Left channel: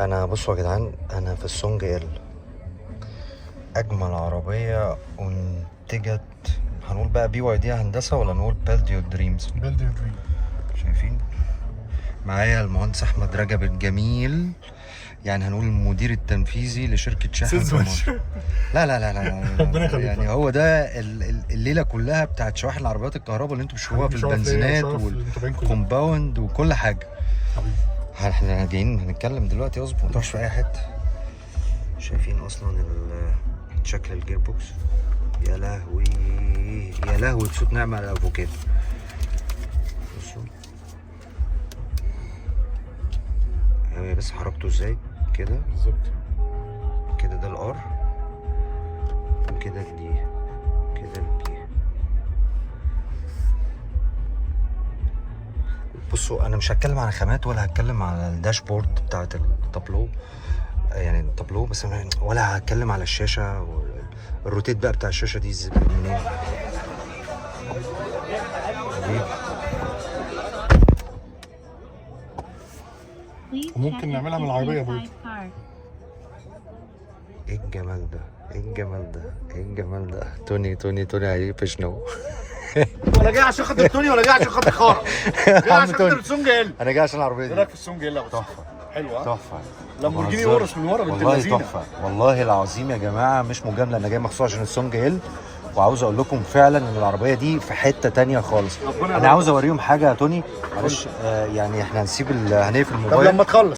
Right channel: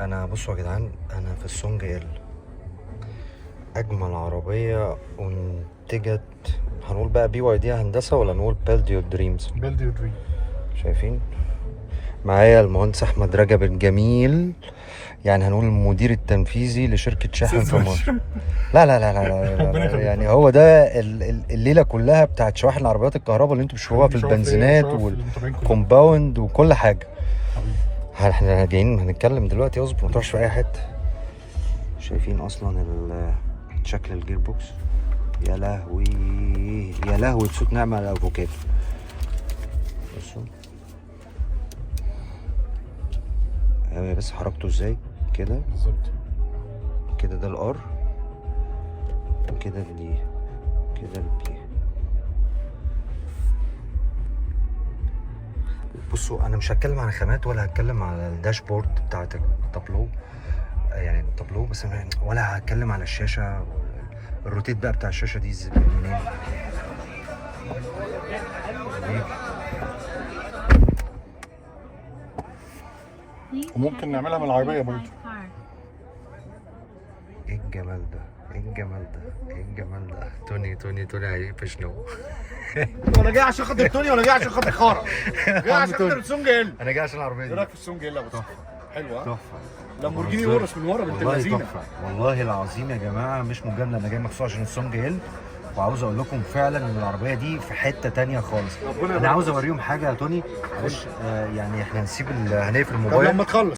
انا بصوا يا جدعان، انا في السونج ال اجمل عربيه انتجت. هنقول بقى بي واي دي هندسه ولا نقول بيلديو دريمز؟ بيلديو دريم. شايفين معايا المهندس احمد رجب الجميل، يعني هنقول المدير التنفيذي لشركه شاحن في مصر. لا لا لا لا ربنا يخليك. يعني هو ده الليله كلها بتاعت شواحن العربيات الكهرباء اللي انتوا بتشوفوها في البنزينات والكومباوند وكل حاجه. حبيبي احنا جايين هنتكلم دلوقتي، اظبط ما تروحش في اي حته. شايفين اصلا شكل الجير بوكس؟ يا لهوي يا لهوي بصوت نعمة على الافوكاتو. بصوا هي بس حركته ازاي كده بالظبط كده، ده الار وكده الدي كده البي. بصوا انا مش هتكلم على خامات ولا هتكلم على الداشبورد بتاعت التابلو، يعني التابلو بس، ولا هتكلم على الشاشه الروتيت بقى بتاع الشاشه دي منين. وممكن نعملها من العربية برضه. ايه الجمال ده، ايه الجمال ده، ايه الجمال ده. توني هيفشنو. ولا جاي عشان خاطر التوني ولا جاي عشان خاطر خارة؟ جاي عشان خاطر السونج ال. انا جاي عشان العربيه ايه دي. رايك في السونج ال؟ تحفه حلو ها؟ تحفه. لامبورجيني اورس من ورا بنت والله اللذينه. تحفه والله العظيم يا جماعه، مش مجامله، انا جاي مخصوص عشان السونج هيل، وعاوز اقول لكم فعلا ان العربيه دي في حته تانية خالص. انا عاوز اوريهم حاجه يا توني، معلش يعني احنا هنسيب هنقفل طب الموبايل. لما تخلص